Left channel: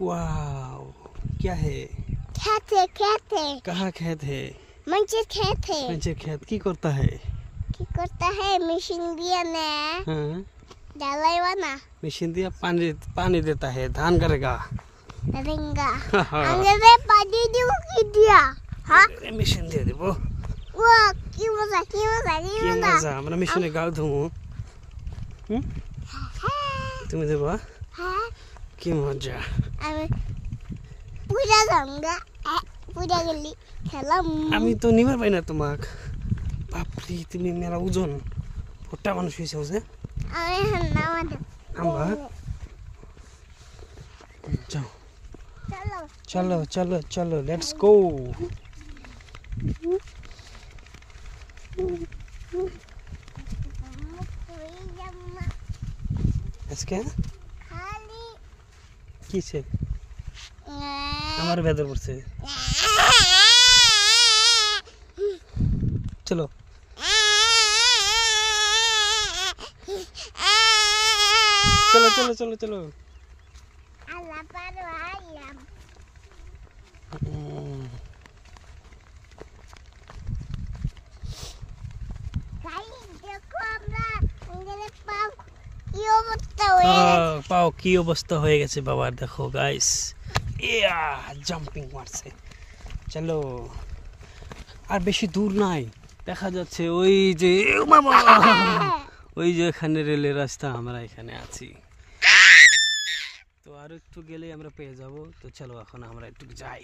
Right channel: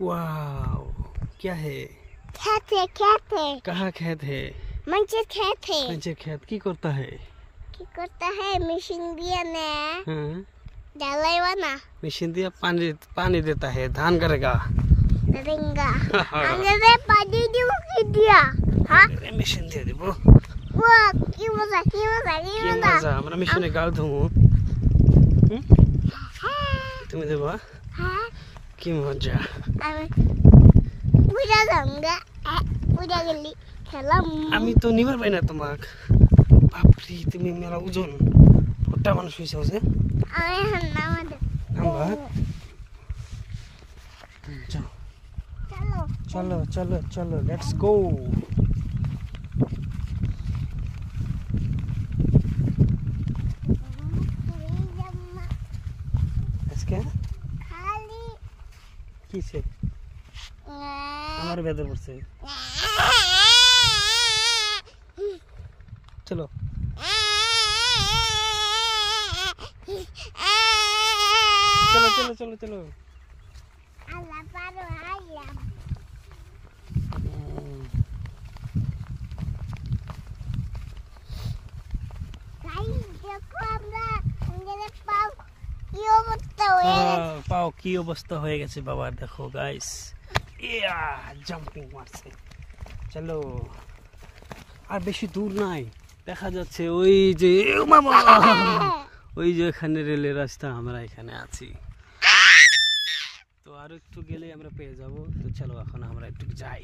Wow, क्या है? खेत है, खेत है। कहाँ खेत है? मंचे खेत है। मंचे खेत की करता है? की करता है मशीन दिया ने। हाँ, डालाई वाना। मशीन दिया, पानी पानी देता है, धान करेगा। करेंगा। अंदर पानी दिया। हाँ? मशीन दे दे वो। वाह, की मजा, की मजा, की কি मजा। মজা, আমরা মেশিনে গাল ধুমু। তুমি দেবা? हाँ? কি মজা। पूजा जाऊंगा। पूजा गली খেলাম। আমি তো নিবার পাই না তোমাক। বাপরে, তুমি মেলা ওজন। ফোটা মানুষ হইছে বুঝে? আমি নামাজ। আমরা যাও। চলো। চলো চলো চলো, লেটস গো। আজকে খালি কিছে আমার ভেতর পড়ছে। চলো চলো চলো চলো চলো। আল্লাহ পারো আল্লাহ। পাও কি অবস্থা হয়ে গেছে বাবার, দেখো গাইস, জাম্পিং মারছে। চলো, আর বেশি দূর নাই, দেখা যাচ্ছে ওই যে বাবা, ওই যে এখানে রেলের রাস্তা, আমরা এখানে আছি। তো আর একটু গেলে আমরা পেয়ে যাব। তো চলো এখন আমরা একটু যাই।